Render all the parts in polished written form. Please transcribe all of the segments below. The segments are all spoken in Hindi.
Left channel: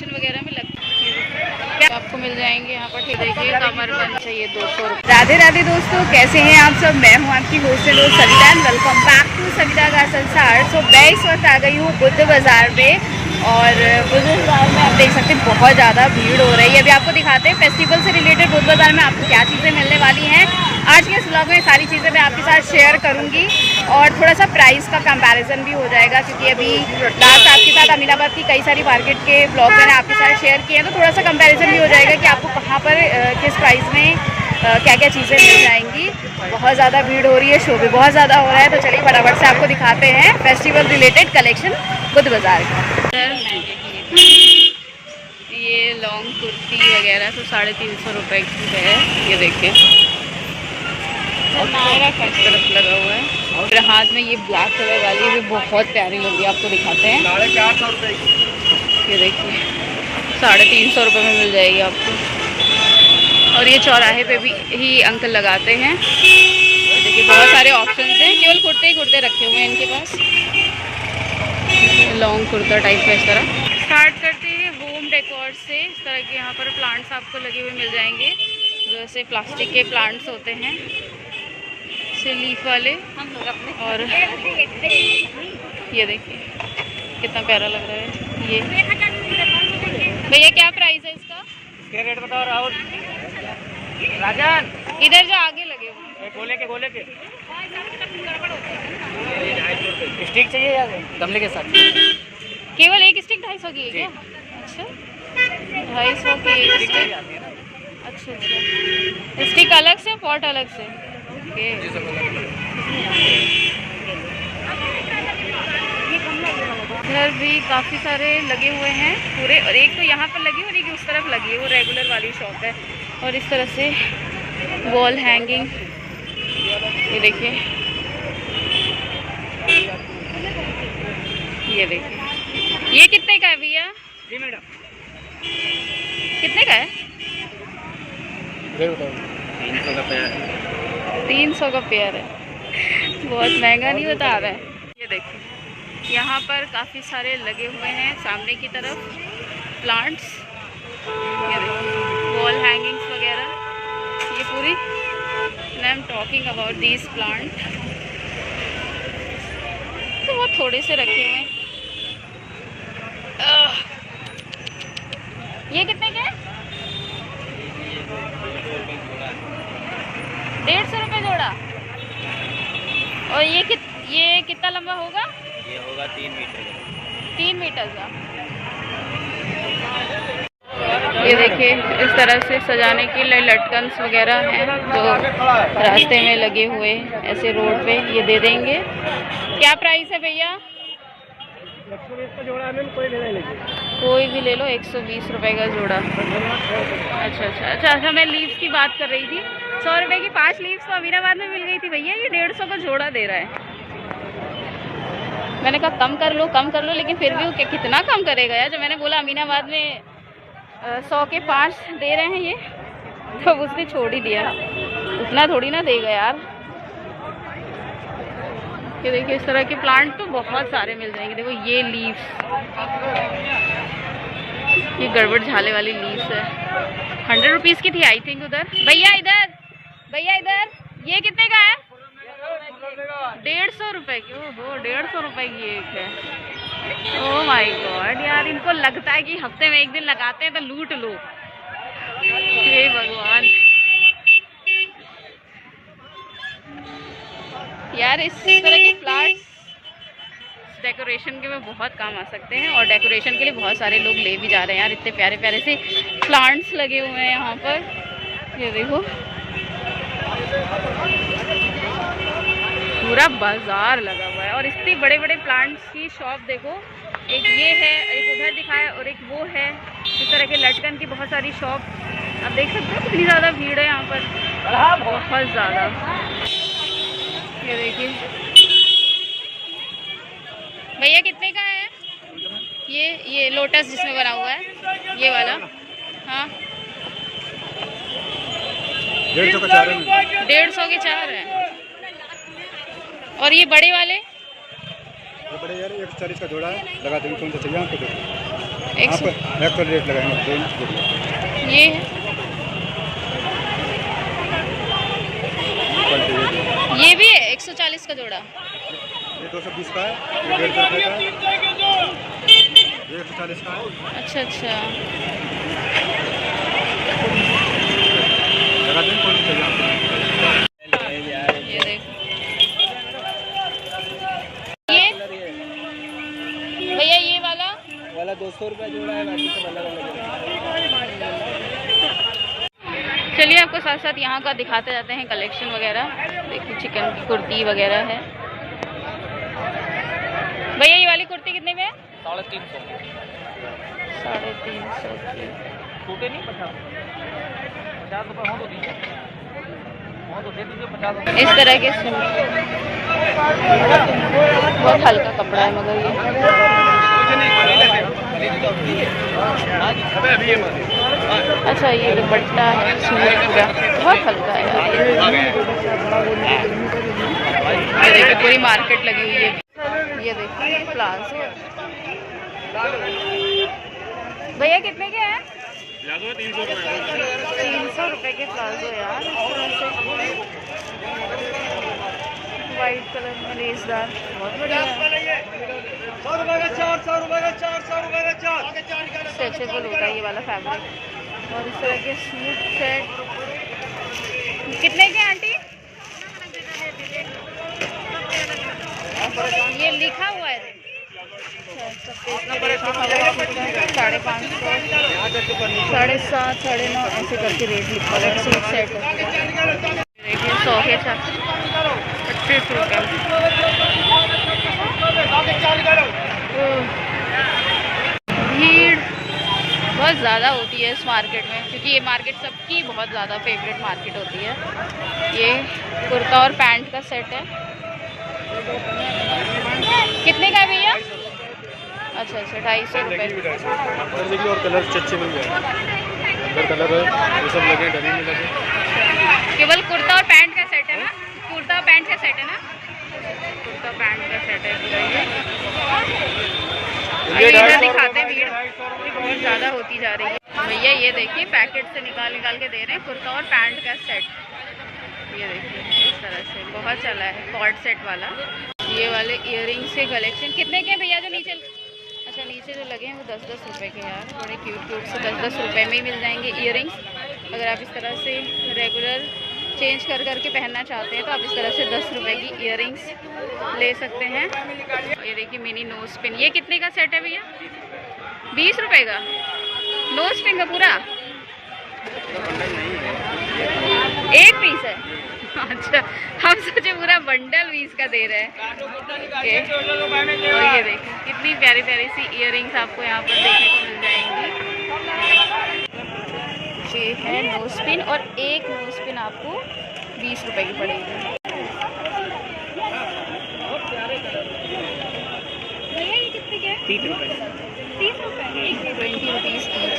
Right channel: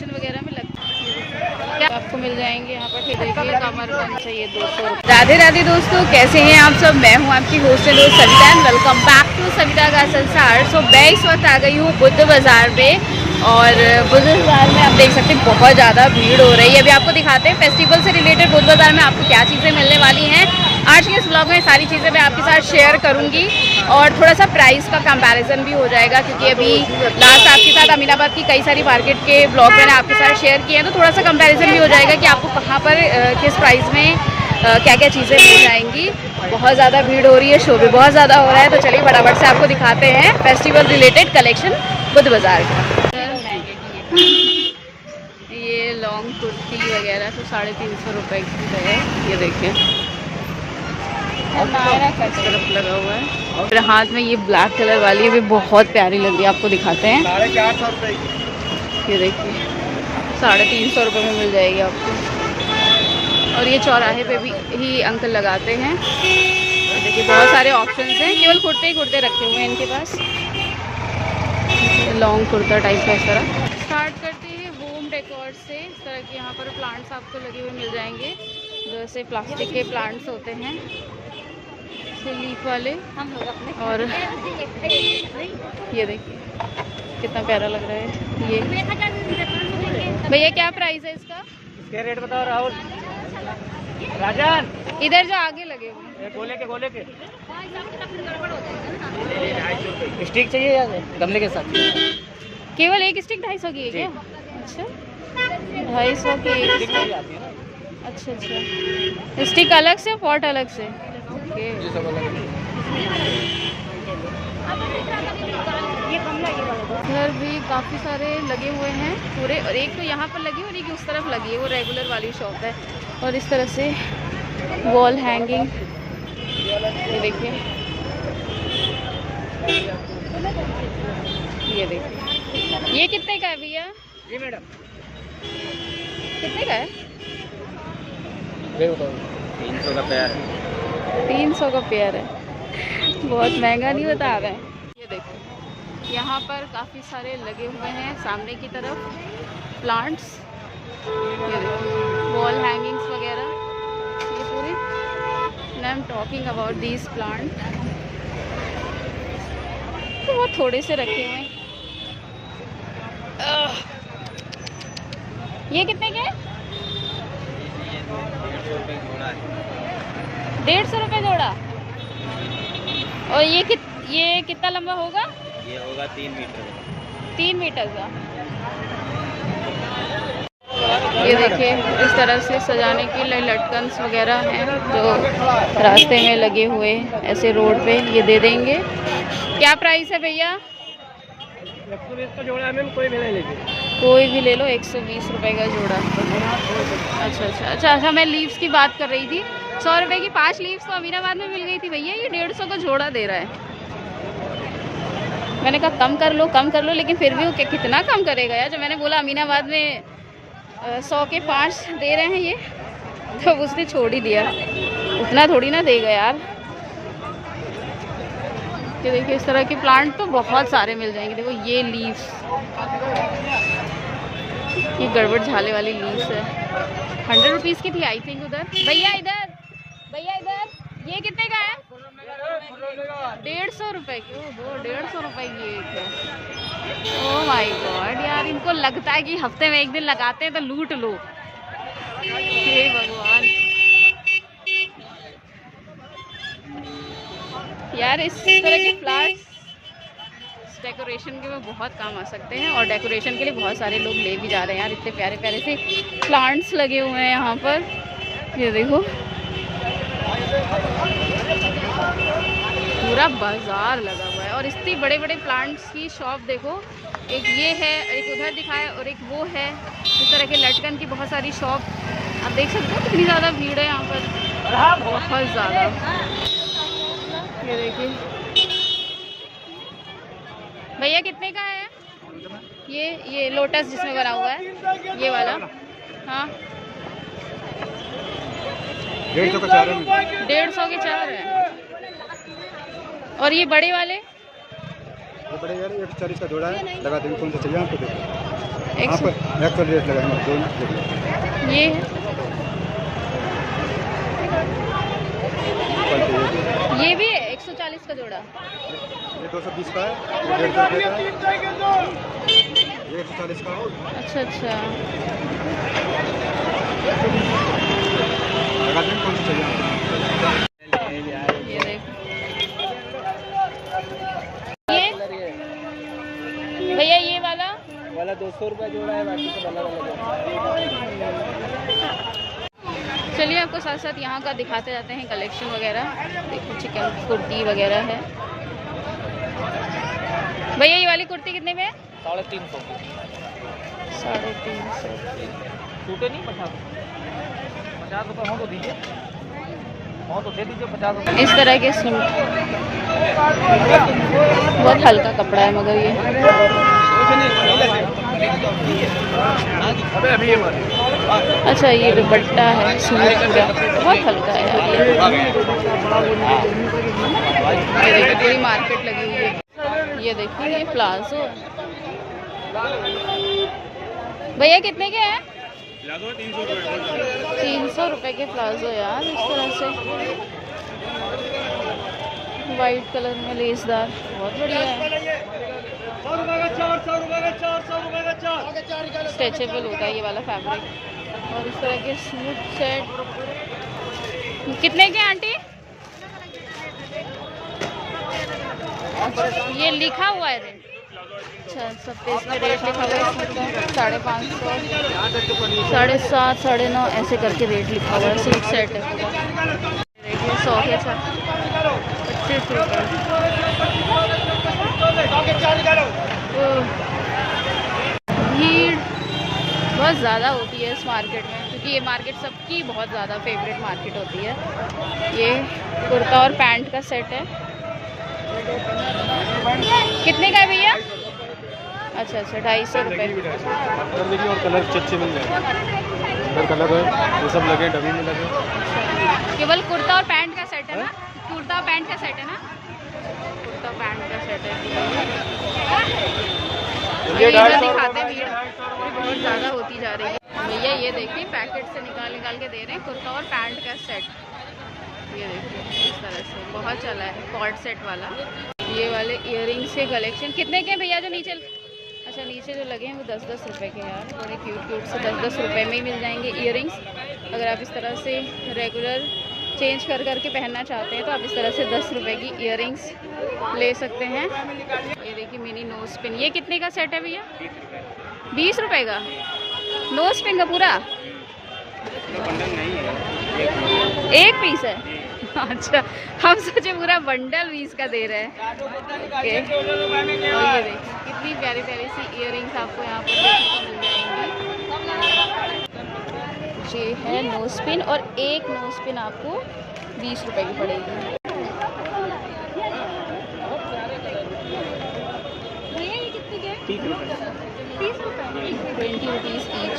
कलेक्शन वगैरह में लगता है क्या आपको मिल जाएंगे यहाँ पर। देखिए कमरबंद चाहिए 200 रुपये। राधे राधे दोस्तों, कैसे हैं आप सब। मैं हूँ आपकी host Savita and welcome back to Savita का संसार। सो मैं इस वक्त आ गई हूँ बुद्ध बाज़ार में और बुद्ध बाज़ार में आप देख सकते हैं बहुत ज़्यादा भीड़ हो रही है। अभी आपको दिखाते हैं फेस्टिवल से रिलेटेड बुद्ध बाज़ार में आपको क्या चीज़ें मिलने वाली हैं। आज के इस ब्लॉग में सारी चीज़ें मैं आपके साथ शेयर करूंगी और थोड़ा सा प्राइस का कंपैरिजन भी हो जाएगा, क्योंकि अभी लास्ट आपके साथ अमीनाबाद की कई सारी मार्केट के ब्लॉग मैंने आपके साथ शेयर किए हैं, तो थोड़ा सा कंपैरिजन भी हो जाएगा कि आपको कहाँ पर किस प्राइस में क्या क्या चीज़ें मिल जाएंगी। बहुत ज़्यादा भीड़ हो रही है, शो भी बहुत ज़्यादा हो रहा है, तो चलिए फटाफट से आपको दिखाते हैं फेस्टिवल रिलेटेड कलेक्शन बुद्ध बाज़ार का। ये लॉन्ग कुर्ती वगैरह तो 350 रुपये की है। ये देखिए इस तरफ लगा हुआ है। मेरे हाथ में ये ब्लैक कलर वाली है, भी बहुत प्यारी लग रही है, आपको दिखाते हैं। ये देखिए 350 रुपये में मिल जाएगी आपको। और ये चौराहे पे भी ही अंकल लगाते हैं। देखिए बहुत सारे ऑप्शंस हैं, केवल कुर्ते ही कुर्ते रखे हुए हैं इनके पास। लॉन्ग कुर्ता टाइप का। इस तरह स्टार्ट करते हैं होम डेकोर से। इस तरह के यहाँ पर प्लांट्स आपको लगे हुए मिल जाएंगे, जैसे प्लास्टिक के प्लांट्स होते हैं से लीफ वाले। और ये देखिए कितना प्यारा लग रहा है। ये भैया क्या प्राइस है इसका? इसके रेट बताओ राहुल। राजन इधर जो आगे लगे हुए गोले के 250 स्टिक चाहिए या गमले के साथ? केवल एक स्टिक 250 की है क्या? अच्छा 250 की एक स्टिक। अच्छा अच्छा, स्टिक अलग से पॉट अलग से। ओके इधर भी काफ़ी सारे लगे हुए हैं पूरे, और एक तो यहाँ पर लगी और एक उस तरफ लगी है, वो रेगुलर वाली शॉप है। और इस तरह से वॉल हैंगिंग, ये देखिए, ये देखिए। ये कितने का है भैया? जी मैडम कितने का है? 300 का पेयर है। 300 का पेयर है, बहुत महंगा नहीं बता रहा है। ये देखिए यहाँ पर काफ़ी सारे लगे हुए हैं सामने की तरफ प्लांट्स। ये देखिए वॉल हैंगिंग्स वगैरह, ये पूरी। And I am talking about these plant, तो वो थोड़े से रखे हुए हैं। ये कितने के? 150 रुपये जोड़ा। और ये कितना लंबा होगा? ये होगा 3 मीटर का। 3 मीटर का। ये देखिए इस तरह से सजाने के लिए लटकन्स वगैरह हैं जो रास्ते में लगे हुए ऐसे रोड पे, ये दे देंगे। क्या प्राइस है भैया? 120 का जोड़ा है मैम, कोई भी ले लीजिए। कोई भी ले लो, 120 रुपये का जोड़ा। अच्छा, मैं लीव्स की बात कर रही थी। 100 रुपये की 5 लीव्स तो अमीनाबाद में मिल गई थी भैया, ये 150 का जोड़ा दे रहा है। मैंने कहा कम कर लो, लेकिन फिर भी वो कितना कम करेगा यार। जब मैंने बोला अमीनाबाद में 100 के 5 दे रहे हैं ये, तो उसने छोड़ ही दिया, उतना थोड़ी ना देगा यार। ये देखिए इस तरह के प्लांट तो बहुत सारे मिल जाएंगे। देखो ये लीव्स, ये गड़बड़ झाले वाली लीव्स है, 100 रुपीज़ की थी आई थिंक उधर। भैया इधर ये कितने का है? 150 रुपये की। ओहो 150 रुपये की एक है। ओह माय गॉड यार, इनको लगता है कि हफ्ते में एक दिन लगाते हैं तो लूट लो। हे भगवान यार, इस तरह के फ्लावर्स डेकोरेशन के में बहुत काम आ सकते हैं, और डेकोरेशन के लिए बहुत सारे लोग ले भी जा रहे हैं यार। इतने प्यारे प्यारे से प्लांट्स लगे हुए हैं यहाँ पर। ये देखो पूरा बाजार लगा हुआ है, और इतने बड़े बड़े प्लांट्स की शॉप देखो। एक ये है, एक उधर दिखाया, और एक वो है। इस तरह के लटकन की बहुत सारी शॉप आप देख सकते हो। कितनी ज़्यादा भीड़ है यहाँ पर, बहुत ज़्यादा। ये देखिए भैया कितने का है ये लोटस जिसमें बना हुआ है ये वाला? हाँ 150 का 4 है। 150 के 4 है। और ये बड़े वाले? ये बड़े यार 140 का जोड़ा है, लगा देंगे। कौन सा चाहिए आपको? देखो 100 एक तो रेट लगाएंगे दोनों। ये है, ये भी है 140 का जोड़ा। ये 220 का है, ये 150 रुपये का है, ये 140 का है। अच्छा अच्छा, लगा दें कौन सी चाहिए आपको? ये देखो, ये भैया ये वाला 200 रुपये जोड़ा है, बाकी सब अलग अलग है। चलिए आपको साथ साथ यहाँ का दिखाते जाते हैं कलेक्शन वगैरह। देखिए चिकन की कुर्ती वगैरह है। भैया ये वाली कुर्ती कितने में है? 350। 350। टूटे नहीं 50 रुपये हो तो दीजिए, हो तो दे दीजिए 50 रुपये। इस तरह के सूट, बहुत हल्का कपड़ा है मगर ये। अच्छा ये दुपट्टा है, सूट पूरा बहुत हल्का है यार ये पूरी मार्केट लगी हुई है। ये देखिए ये प्लाजो भैया कितने के हैं? 300 रुपये के प्लाजो यार, इस तरह से वाइट कलर में लेसदार, बहुत बढ़िया है। स्ट्रेचेबल होता है ये वाला फैब्रिक। और इस तरह के सूट सेट कितने के आंटी? ये लिखा हुआ है, अच्छा सब पे इसमें रेट लिखा हुआ है। 550, 7.5, 9.5 ऐसे करके रेट लिखा हुआ है। सूट सेट है पूरा। देखिए 100 के 25 रुपये। भीड़ बहुत ज़्यादा होती है इस मार्केट में, क्योंकि ये मार्केट सबकी बहुत ज़्यादा फेवरेट मार्केट होती है। ये कुर्ता और पैंट का सेट है। कितने का है भैया? अच्छा अच्छा 250 रुपये। और कलर अच्छे मिल जाएंगे, कलर है ये सब लगे, डमी में लगे। केवल कुर्ता और पैंट का सेट है ना? कुर्ता और पैंट का सेट है ना? कुर्ता पैंट का सेट है पूरा ये। इधर दिखाते हैं, भीड़ बहुत ज़्यादा होती जा रही है। भैया ये देखिए पैकेट से निकाल निकाल के दे रहे हैं कुर्ता और पैंट का सेट। ये देखिए इस तरह से बहुत चला है कॉर्ड सेट वाला। ये वाले इयररिंग्स के कलेक्शन कितने के हैं भैया? जो नीचे, अच्छा नीचे जो लगे हैं वो 10-10 रुपये के यार, बड़े क्यूट क्यूट से 10-10 रुपये में ही मिल जाएंगे इयररिंग्स। अगर आप इस तरह से रेगुलर चेंज कर करके पहनना चाहते हैं तो आप इस तरह से 10 रुपये की इयररिंग्स ले सकते हैं। और ये देखिए मिनी नोज पिन, ये कितने का सेट है भैया? 20 रुपये का नोज पिन का पूरा एक पीस है? अच्छा हम सोचे पूरा बंडल 20 का दे रहे हैं। और ये देखिए कितनी प्यारी प्यारी सी इयररिंग्स आपको यहाँ पर देखने को मिल जाएंगी। ये है नोज पिन और एक नोज पिन आपको 20 रुपये की पड़ेगी। भैया ये कितने के? 30 रुपये। 20 रुपीज़ ईच।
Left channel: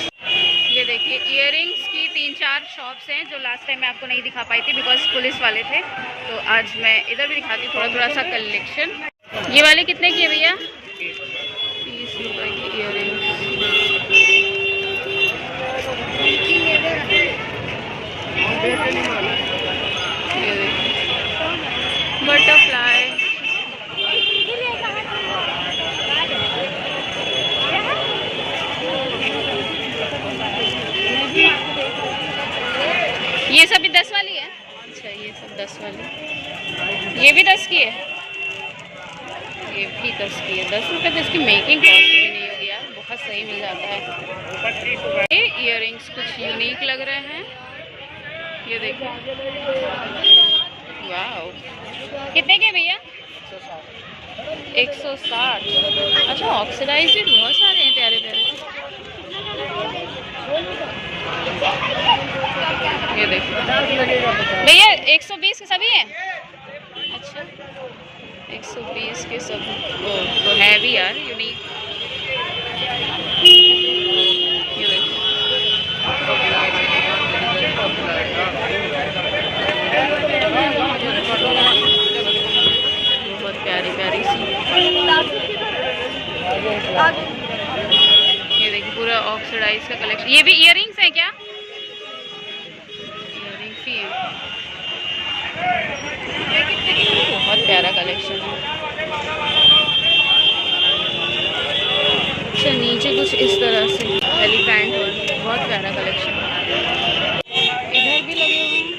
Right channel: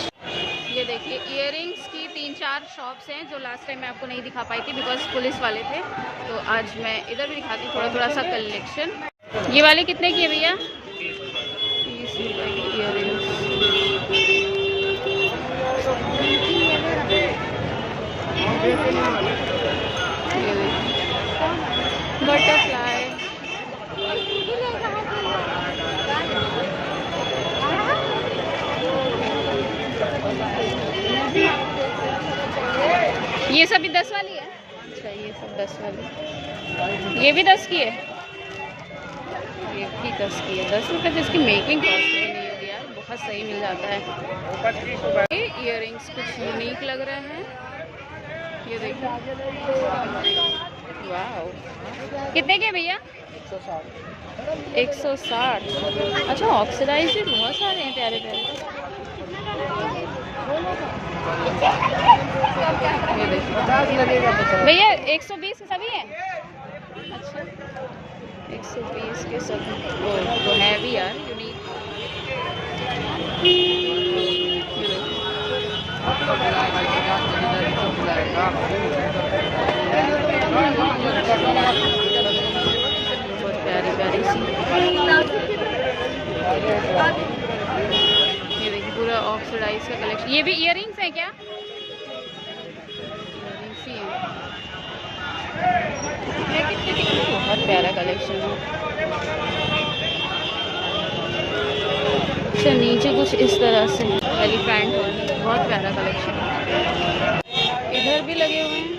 ये देखिए इयररिंग्स की 3-4 शॉप्स हैं जो लास्ट टाइम मैं आपको नहीं दिखा पाई थी बिकॉज पुलिस वाले थे, तो आज मैं इधर भी दिखाती हूँ थोड़ा सा कलेक्शन। ये वाले कितने की है भैया? 30 रुपये की इयररिंग्स। ये देखिए बटरफ्लाई, ये सभी 10 वाली है? अच्छा ये सब 10 वाली, ये भी 10 की है, ये भी 10 की है। 10 रुपये तो इसकी मेकिंग कॉस्ट भी नहीं होगी यार, बहुत सही मिल जाता है। ये इयररिंग्स कुछ यूनिक लग रहे हैं, ये देखिए वाह। कितने के भैया? 160। अच्छा ऑक्सीडाइज भी बहुत सारे हैं प्यारे प्यारे। ये देखिए भैया 120 के सभी हैं? अच्छा 120 के सभी। ओ तो है भी यार यूनिक। ये देखिए बहुत प्यारी प्यारी सी। ये देखिए ऑक्सीडाइज का कलेक्शन। ये भी इयररिंग्स है क्या? इयररिंग्स ही है। बहुत प्यारा कलेक्शन है। अच्छा, नीचे कुछ इस तरह से एलिफेंट और बहुत प्यारा कलेक्शन है। इधर भी लगे हुए हैं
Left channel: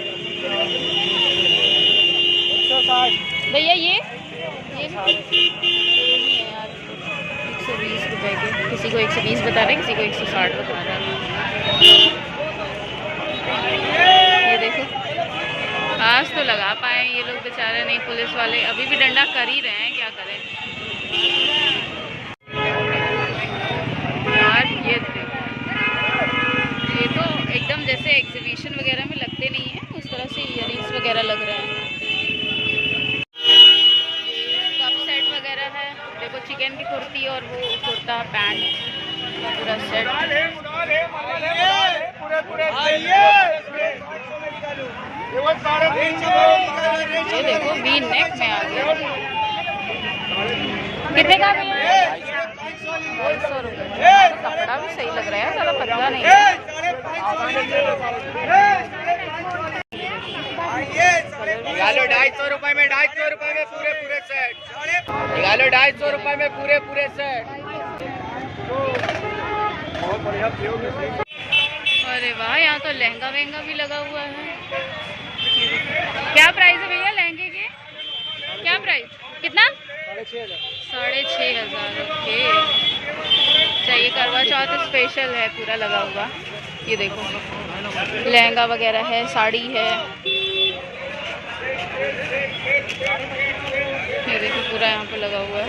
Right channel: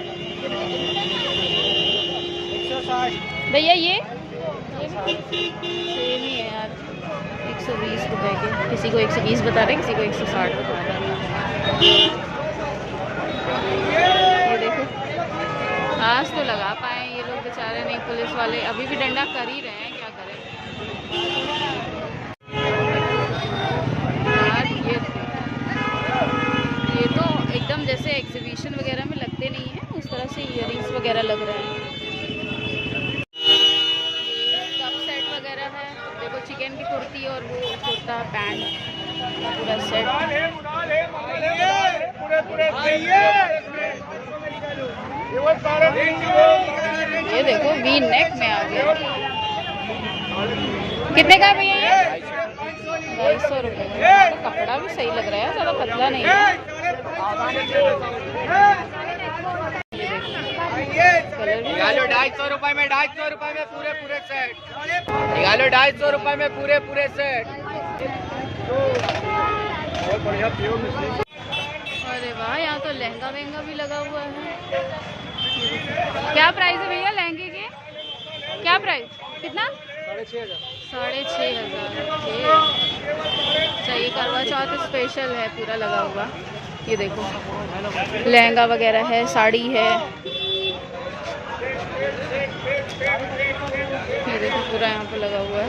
भैया। ये भी सेम ही है यार, 120 रुपए के। किसी को 120 बता रहे हैं, किसी को 160 बता रहा है। ये देखो, आज तो लगा पाए ये लोग बेचारे नहीं, पुलिस वाले अभी भी डंडा कर ही रहे हैं, क्या करें यार। ये तो एकदम जैसे एग्जीबिशन वगैरह में लगते नहीं है, उस तरह से इयररिंग्स वगैरह लग रहे हैं। कप सेट वगैरह है, देखो चिकन की कुर्ती और वो कुर्ता पैंट का पूरा सेट। ये देखो वी नेक में आ गया। कितने का भैया ये? 250 रुपये। तो कपड़ा भी सही लग रहा है, ज़्यादा पतला नहीं है। 250 रुपए में, 250 रुपए में पूरे सेट। 250 रुपए में पूरे सेट। अरे वाह, यहाँ तो लहंगा वहंगा भी लगा हुआ है। क्या प्राइस है भैया लहंगे की? क्या प्राइस? कितना? 6,500। ओके। चाहिए, करवा चौथ स्पेशल है, पूरा लगा हुआ। ये देखो लहंगा वगैरह है, साड़ी है। ये देखो पूरा यहाँ पे लगा हुआ है।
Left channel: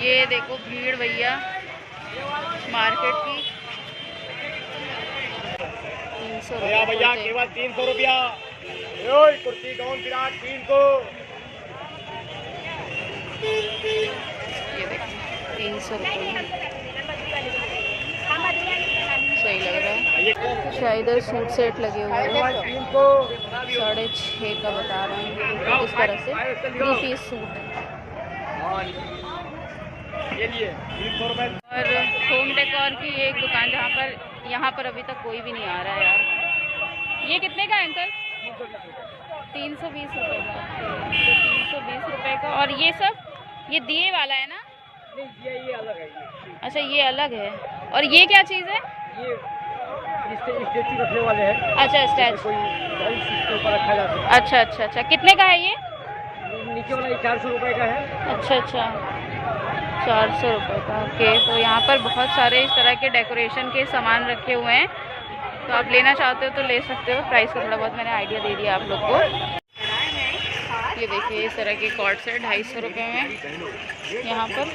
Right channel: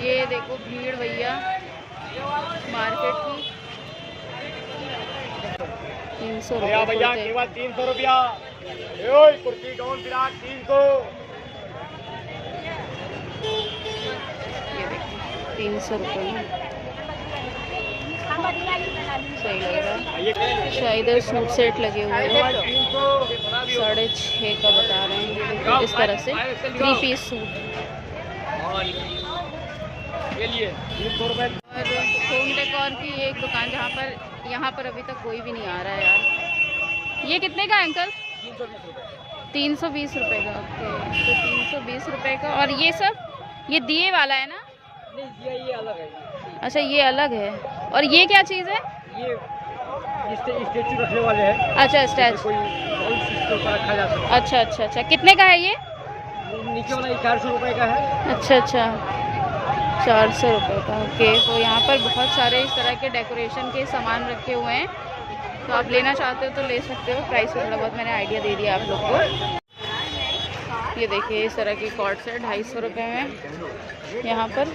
ये देखो भीड़ भैया मार्केट की। 300 रुपया भैया, केवल 300 रुपया। कुर्ती डाउन विराट 300। ये देखो 300 रुपये में सही लग रहा है। शायद सूट सेट लगे हुए हैं, 6,500 का बता रहे हैं। इस तरह से 3 पीस सूट। और होम डेकोर की एक दुकान, जहाँ पर यहाँ पर अभी तक कोई भी नहीं आ रहा है यार। ये कितने का अंकल? 320 रुपये का। तो 320 रुपये का। और ये सब ये दिए वाला है ना? नहीं, ये अलग है। अच्छा, ये अलग है। और ये क्या चीज़ है? ये स्टैचू रखने वाले हैं। अच्छा, स्टैचू कोई इसके ऊपर रखा जा सकता है। अच्छा। कितने का है ये? नीचे वाला 400 रुपये का है। अच्छा, 400 रुपये का। ओके। तो यहाँ पर बहुत सारे इस तरह के डेकोरेशन के सामान रखे हुए हैं, तो आप लेना चाहते हो तो ले सकते हो। प्राइस का थोड़ा बहुत मैंने आइडिया दे दिया आप लोग को। ये देखिए इस तरह के कॉर्ड सेट 250 रुपये में यहाँ पर।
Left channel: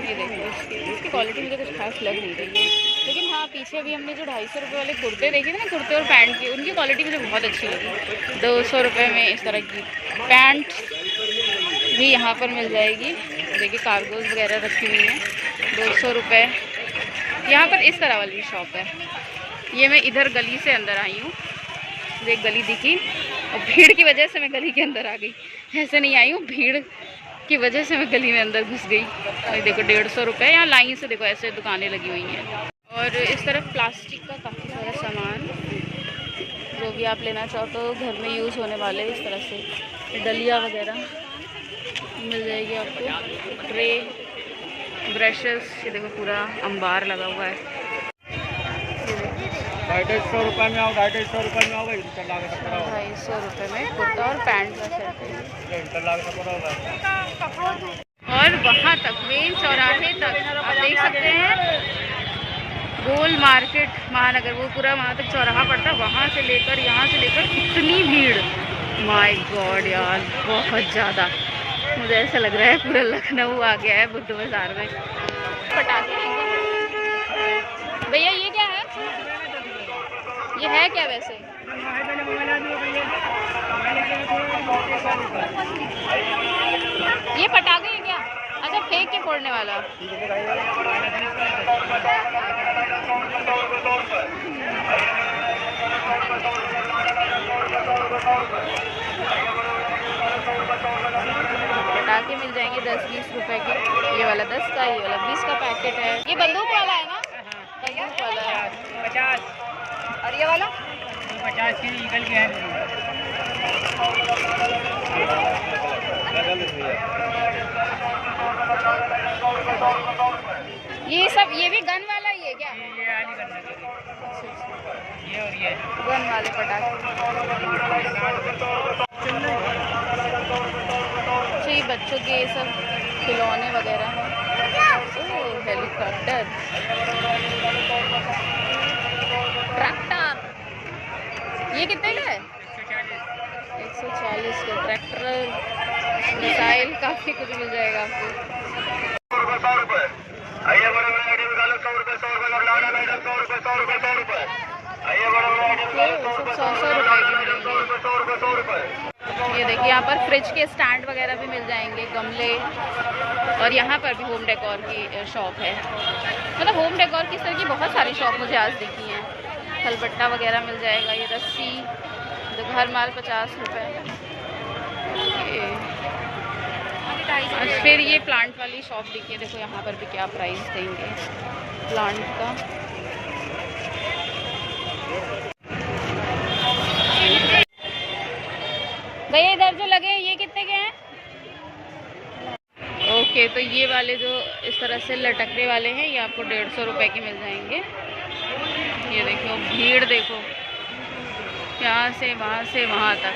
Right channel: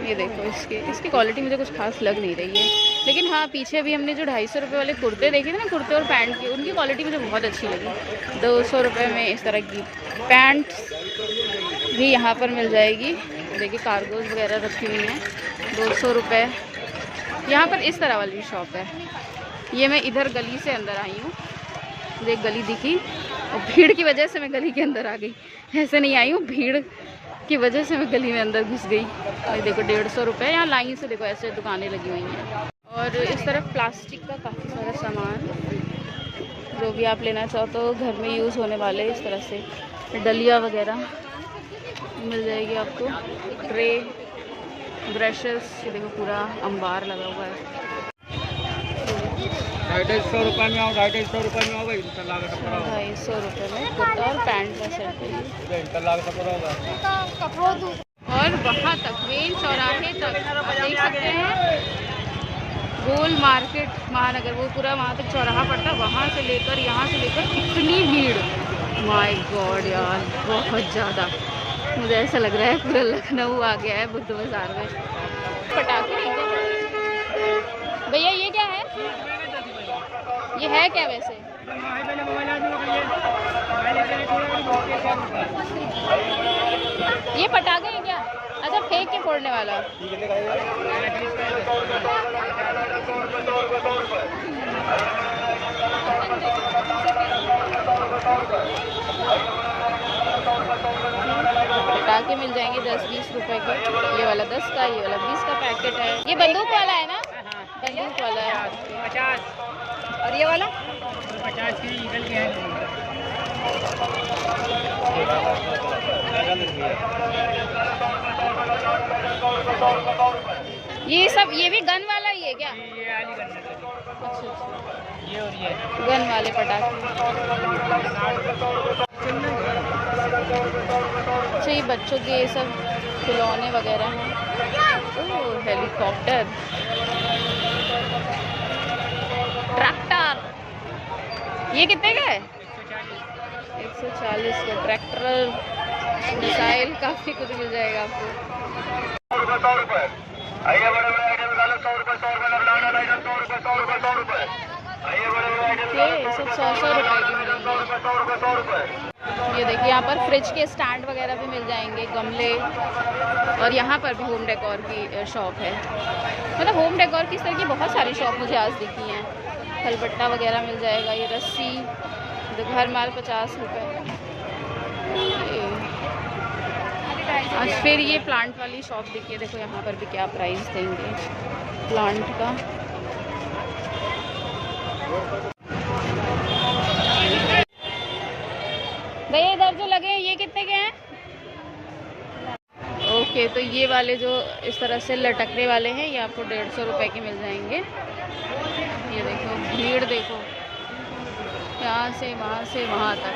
ये देखो इसकी क्वालिटी मुझे कुछ खास लग नहीं रही है, लेकिन हाँ पीछे अभी हमने जो 250 रुपये वाले कुर्ते देखे थे ना, कुर्ते और पैंट की, उनकी क्वालिटी मुझे बहुत अच्छी लगी। 200 रुपये में इस तरह की पैंट भी यहाँ पर मिल जाएगी। देखिए कार्गोज वगैरह रखी हुई हैं, 200 रुपये। यहाँ पर इस तरह वाली शॉप है। ये मैं इधर गली से अंदर आई हूँ, मुझे एक गली दिखी और भीड़ की वजह से मैं गली के अंदर आ गई। ऐसे नहीं आई हूँ, भीड़ की वजह से मैं गली में अंदर घुस गई। और देखो 150 रुपये, यहाँ लाइन से देखो ऐसे दुकानें लगी हुई हैं। और इस तरफ प्लास्टिक का काफ़ी सारा सामान, जो भी आप लेना चाहो तो घर में यूज़ होने वाले, इस तरह से डलिया वगैरह मिल जाएगी आपको। ट्रे, ब्रशेस, ये देखो पूरा अंबार लगा हुआ है। 250 रुपये में आओ, 250 रुपये में आओ भाई। 250 रुपये में कुर्ता और पैंट का सेट है। और वहाँ तक मेन चौराहे तक आप देख सकते हैं, गोल मार्केट महानगर, वो पूरा वहाँ तक चौराहा पड़ता है। वहाँ से लेकर यहाँ से लेकर कितनी भीड़, माय गॉड यार, बहुत ज़्यादा। मुझे ऐसा लग रहा है पूरा लखनऊ आ गया है बुद्ध बाजार में। पटाखे भैया, ये क्या है? ये है क्या वैसे? ये पटाखे हैं क्या? अच्छा, फेंक के फोड़ने वाला। पटाखे मिल जाएंगे 10-20 रुपए के। ये वाला 10 का, ये वाला 20 का पैकेट है। ये बंदूक वाला है ना? बंदूक वाला है। 50। और ये वाला 50 की ईगल की है। ये सब, ये भी गन वाला ही है क्या? ये वाली करना चाहिए। अच्छा, ये और ये गन वाले पटाखे। जी, बच्चों के ये सब खिलौने वगैरह हैं। ओह, हेलीकॉप्टर, ट्रैक्टर। ये कितने का है? 140 का ट्रैक्टर, मिसाइल, काफ़ी कुछ मिल जाएगा आपको। 100 रुपए। आइए बड़े बड़े आइटम निकालो। 100 रुपए, 100 रुपए लौटाना भाई। 100 रुपए, 100 रुपए, 100 रुपए। आइए बड़े बड़े आइटम निकालो। 100 रुपए, 100 रुपए की मिलेंगे। 100 रुपए, 100 रुपए, 100 रुपए। ये देखिए, यहाँ पर फ्रिज के स्टैंड वगैरह भी मिल जाएंगे, गमले। और यहाँ पर भी होम डेकोर की शॉप है। मतलब होम डेकोर की इस तरह की बहुत सारी शॉप मुझे आज दिखी हैं। खलबट्टा वगैरह मिल जाएगा। ये रस्सी, जो घर माल 50 रुपये। और फिर ये प्लांट वाली शॉप दिखिए। देखो यहाँ पर भी क्या प्राइस देंगे प्लांट का। भैया इधर जो लगे हैं ये कितने के हैं? ओके, तो ये वाले जो इस तरह से लटकने वाले हैं ये आपको 150 रुपए के मिल जाएंगे। ये देखो भीड़, देखो यहाँ से वहाँ तक।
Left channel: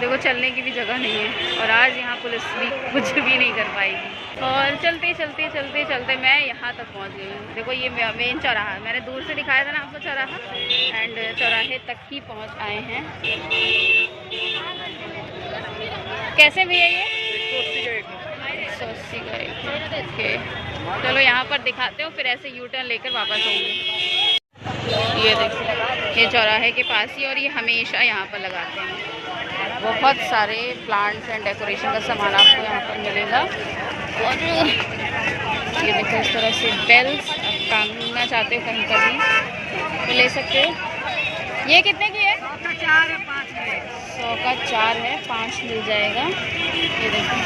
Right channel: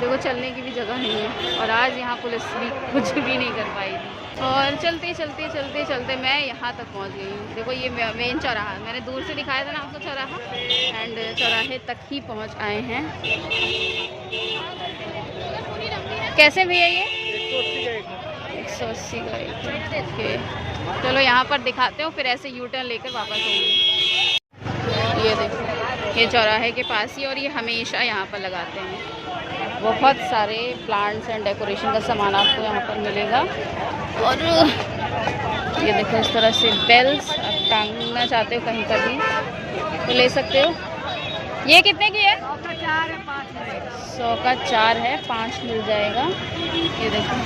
देखो चलने की भी जगह नहीं है। और आज यहाँ पुलिस भी कुछ भी नहीं कर पाएगी। और चलते चलते मैं यहाँ तक पहुँच गई हूँ। देखो ये मेन चौराहा है। मैंने दूर से दिखाया था ना आपको चौराहा, एंड चौराहे तक ही पहुँच आए हैं। कैसे भैया ये? 180 का एक। ओके, चलो यहाँ पर दिखाते हो, फिर ऐसे यू टर्न लेकर वापस होंगे। ये देखो, ये चौराहे के पास ही, और ये हमेशा यहाँ पर लगाते हैं। बहुत सारे प्लांट्स एंड डेकोरेशन का सामान आपको यहाँ पर मिलेगा। और ये देखो इस तरह से बेल्स, आप टांगना चाहते हो कहीं पर भी तो ले सकते हो। ये कितने की है? 100 का 4 है, 5 है। 100 का 4 है, 5 मिल जाएगा। ये देखो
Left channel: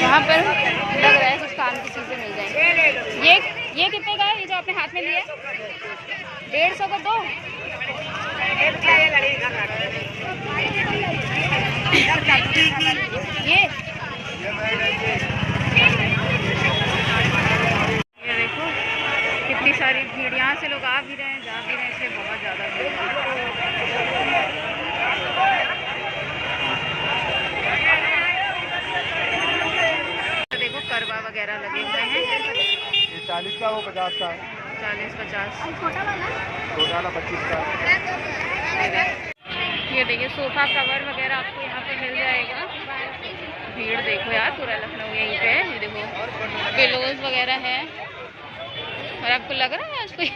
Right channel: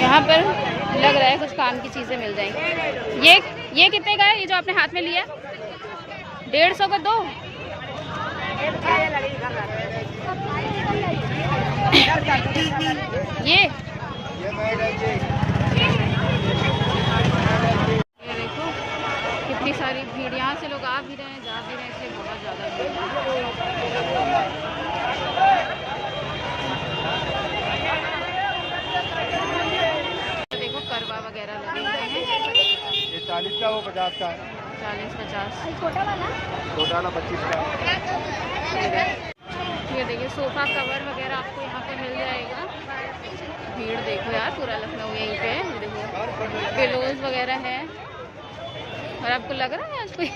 यहाँ पर लग रहा है कुछ काम की चीज़ें मिल जाएंगी। ये कितने का है? ये जो आपने हाथ में लिया 150 का 2। ये देखो कितनी सारी भीड़। यहाँ से लोग आ भी रहे हैं, जा भी रहे हैं, इसलिए बहुत ज़्यादा भीड़ है। देखो करवा वगैरह लगे हुए हैं। ये 40 का, वो 50 का है। 40-50। छोटा वाला 25 का। ये देखिए सोफ़ा कवर वगैरह आपको यहाँ पर मिल जाएगा। भीड़ देखो यार, पूरा लखनऊ यहीं पे है। ये देखो पिलोज वगैरह है। और आपको लग रहा है आज कोई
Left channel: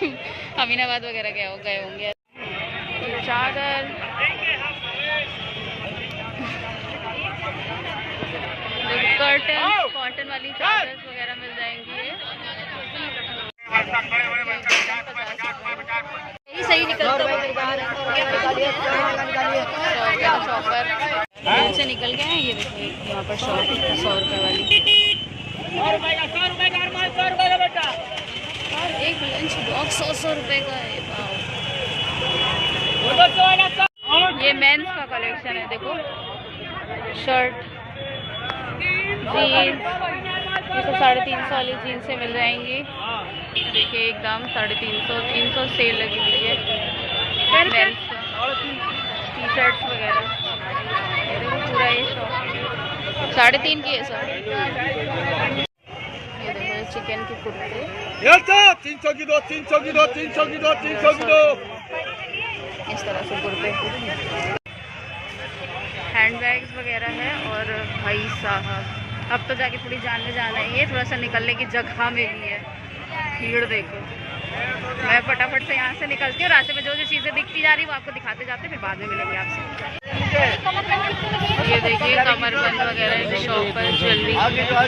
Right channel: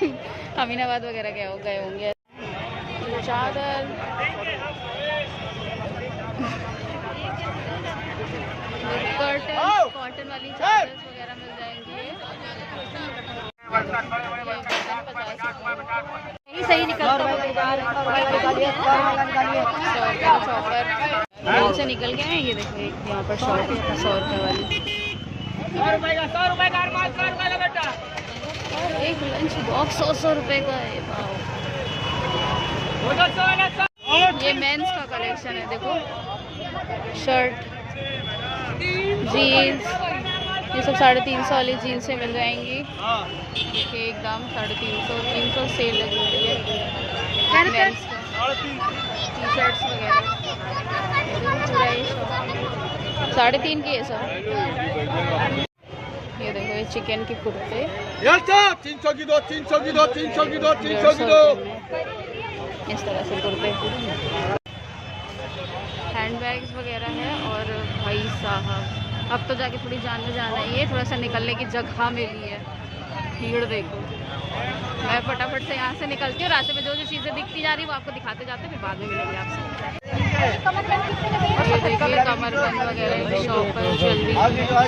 अमीनाबाद वगैरह गए होंगे। चादर, कर्टन, कॉटन वाली चादर वगैरह मिल जाएंगी। सही निकलता है। 100 चॉपर जेल से निकल गए हैं। ये देखो यहाँ पर शॉप 100 रुपये वाली। 100 रुपए का 100 रुपए का अरमान, 100 रुपए का बेटा। और एक लंच बॉक्स 100 रुपये का है। ये मेंस का कलेक्शन है। देखो शर्ट, जीन्स, ये सब 350 वाली जीन्स मिल जाएंगी। देखिए एकदम 350 सेल लगी हुई है मेंस का। टी शर्ट्स वगैरह देखो पूरा ये शॉप 350 की है सब। ये देखो ये चिकन के कुर्ते 300 की दो, 300 की दो, 300 की दो, 300 की दो। इस तरह से कुर्ते, हैंड बैग्स वगैरह है। और भाई साहब अब तो जाके थोड़ी जान में जाना है। ये थोड़ा सा निकलने की जगह में भी है। भीड़ देखो। मैं फटाफट से यहाँ से निकलती हूँ। रास्ते में जो जो चीज़ें दिखती जा रही वो आपको दिखाते जाते, फिर बाद में मिलेंगे आपसे। ये देखिए कमरबंद वगैरह की शॉप पर ज्वेलरी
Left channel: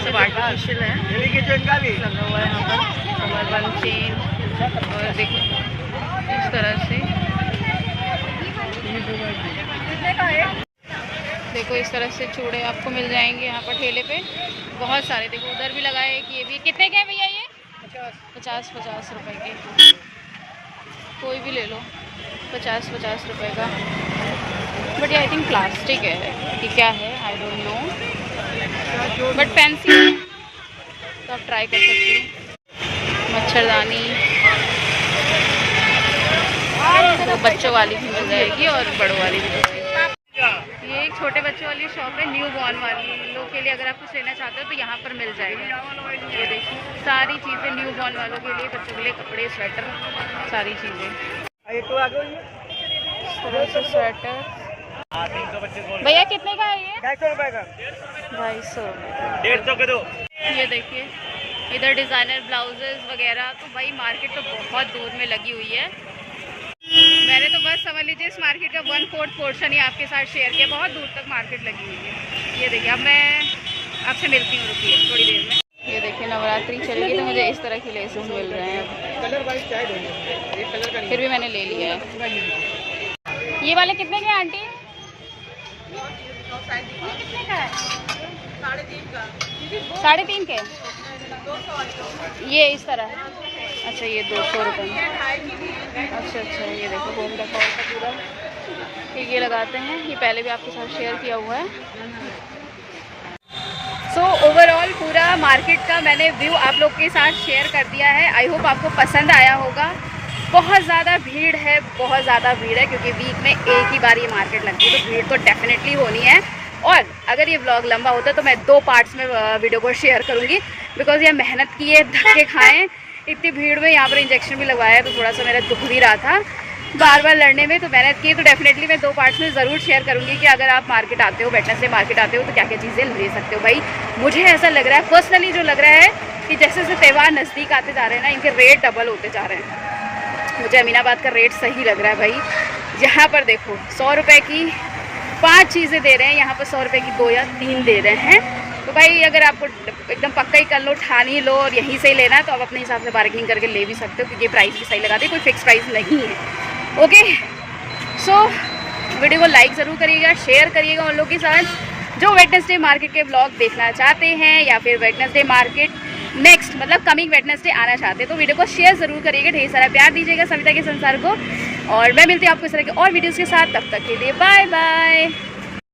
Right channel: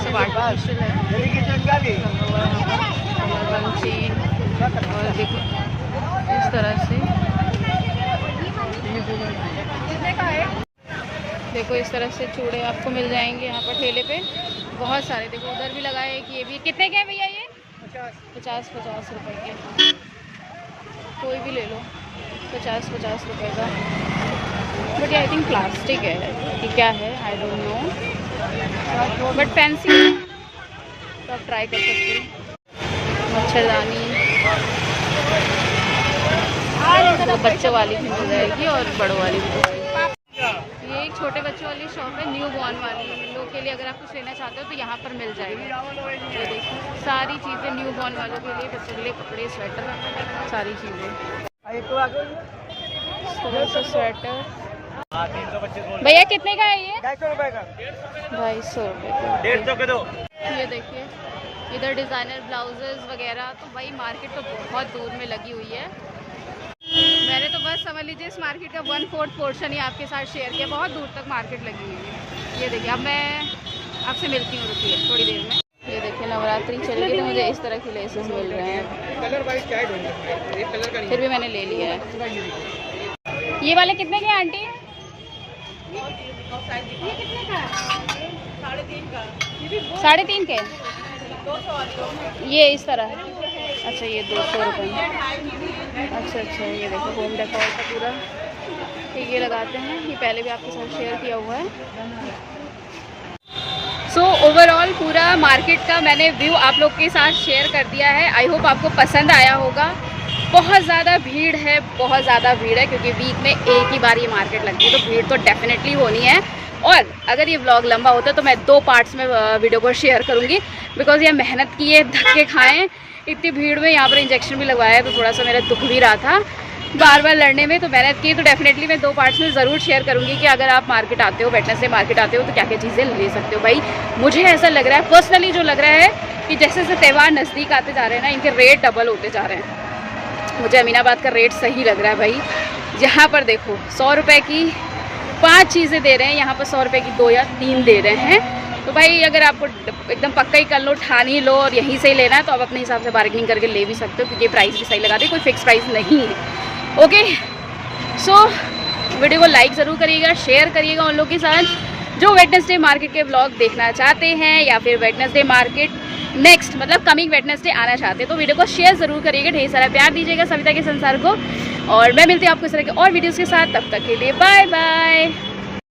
सब आर्टिफिशियल है लगा हुआ है यहाँ पर। कमरबंद चेन, और देखो इस तरह से देखो इस तरह से चूड़े आपको मिल जाएंगे यहाँ पर ठेले पे बहुत सारे। देखो उधर भी लगाए हैं कि ये भी कितने के हैं भैया ये? 50 रुपए के। कोई भी ले लो 50 रुपए का। बट ये आई थिंक प्लास्टिक है कि क्या है, I don't know, but fancy है तो आप ट्राई कर सकते हो। मच्छरदानी तो बच्चों वाली भी मिल जाएगी और बड़ों वाली भी। ये एक छोटे बच्चों वाली शॉप है, न्यू बॉर्न वाली लोग के लिए। अगर आप कुछ लेना चाहते हो तो यहाँ पर मिल जाएगा। ये देखिए सारी चीज़ें न्यू बॉर्न वालों के लिए, बच्चों के लिए कपड़े, स्वेटर, सारी चीज़ें। स्वेटर भैया कितने का है ये? 250 रुपए का। 250 रुपये का। 150 के दो। ये देखिए इधर डिज़ाइनर ब्लाउजेस वगैरह। तो भाई मार्केट तो बहुत दूर में लगी हुई है। मैंने तो बस समझ लीजिए इस मार्केट का 1/4 पोर्शन ही आपके साथ शेयर किया। बहुत दूर तक मार्केट लगी हुई है। ये देखिए अब मैं आपसे मिलती हूँ, रुकिए थोड़ी देर में। ये देखिए नवरात्रि चलेगी तो मुझे इस तरह के लेसेस मिल रहे हैं अब। फिर भी मैंने ले लिया है। ये वाले कितने के हैं आंटी? ये कितने का है? 3.5 के। ये इस तरह। अच्छा ये 200 रुपये में। अच्छा ये देखो होम डेकोर का पूरा ये लगाते हैं। ये पहले भी आपके साथ शेयर किया हुआ है। सो ओवरऑल पूरा मार्केट का मैंने व्यू आप लोग के साथ शेयर कर दिया है। आई होप आपको पसंद आया होगा। बहुत ज़्यादा भीड़ है, बहुत ज़्यादा भीड़ है, क्योंकि वीक में एक ही बार ये मार्केट लगती है तो भीड़ तो डेफिनेटली होनी है। और अगर ये व्लॉग लंबा होता है तो मैं 2 पार्ट्स में वीडियो को शेयर करूँगी, बिकॉज ये मेहनत की है, धक्के खाएँ इतनी भीड़ में। यहाँ पर इंजेक्शन भी लगवाया है तो थोड़ा सा मेरा दुख भी रहा था बार बार लड़ने में, तो मेहनत की। तो डेफिनेटली मैं 2 पार्ट्स में ज़रूर शेयर करूँगी कि अगर आप मार्केट आते हो, वेडनेसडे मार्केट आते हो तो क्या क्या चीज़ें ले सकते हो। भाई मुझे ऐसा लग रहा है पर्सनली, जो लग रहा है कि जैसे जैसे त्यौहार नज़दीक आते जा रहे हैं ना, इनके रेट डबल होते जा रहे हैं। मुझे अमीनाबाद का रेट सही लग रहा है भाई। यहाँ पर देखो 100 रुपये की 5 चीज़ें दे रहे हैं, यहाँ पर 100 रुपये की 2 या 3 दे रहे हैं। तो भाई अगर आपको एकदम पक्का ही कर लो, ठान ही लो और यहीं से ही लेना है तो आप अपने हिसाब से बार्गेनिंग करके ले भी सकते हो, क्योंकि प्राइस भी सही लगा दे, कोई फिक्स प्राइस नहीं है। ओके सो वीडियो को लाइक ज़रूर करिएगा, शेयर करिएगा उन लोगों के साथ जो वेडनेसडे मार्केट के ब्लॉग देखना चाहते हैं या फिर वेडनेसडे मार्केट नेक्स्ट मतलब कमिंग वेडनेसडे आना चाहते हैं। तो वीडियो को शेयर ज़रूर करिएगा, ढेर सारा प्यार दीजिएगा सविता के संसार को। और मैं मिलती हूँ आपको इस तरह के और वीडियोज़ के साथ। तब तक के लिए बाय बाय।